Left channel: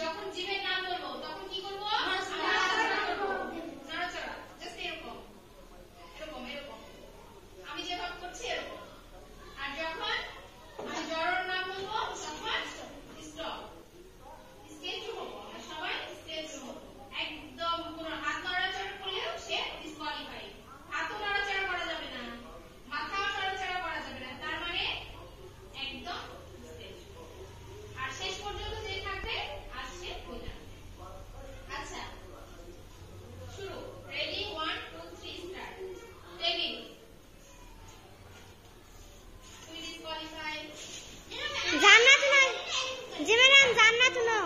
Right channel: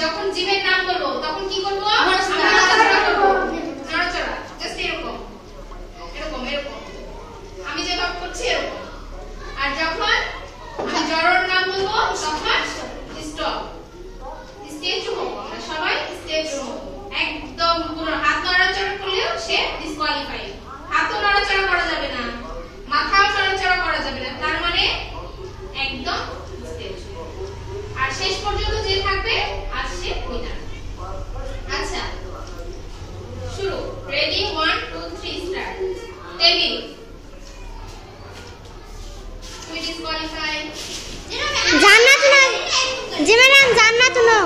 যখন জীবের নাম বলবো তখন কি করব? নড়াচড়া করব। নড়াচড়া জাস্ট এরকম এরকম এরকম আমি যেভাবে করছি এরকম। আর যখন আমি জড়র নাম বলবো তখন স্টপ স্টেচু হবো। আমরা সবাই স্টেচু হবো। একদম পুরো হাত নড়াচড়া করলেও সে ডিসকোয়ালিফাই। হাতও নড়াচড়া করা যাবে না, মাথাও নড়াচড়া করা যাবে না, তার মানে একদম স্টেচু। আর শেষ পর্যন্ত যে থাকবে আর সে উইনার। আচ্ছা শুরু। Ready 1 2 3 start. Table we disqualify জান্নাত না, যে ম্যাডাম জান্নাত না।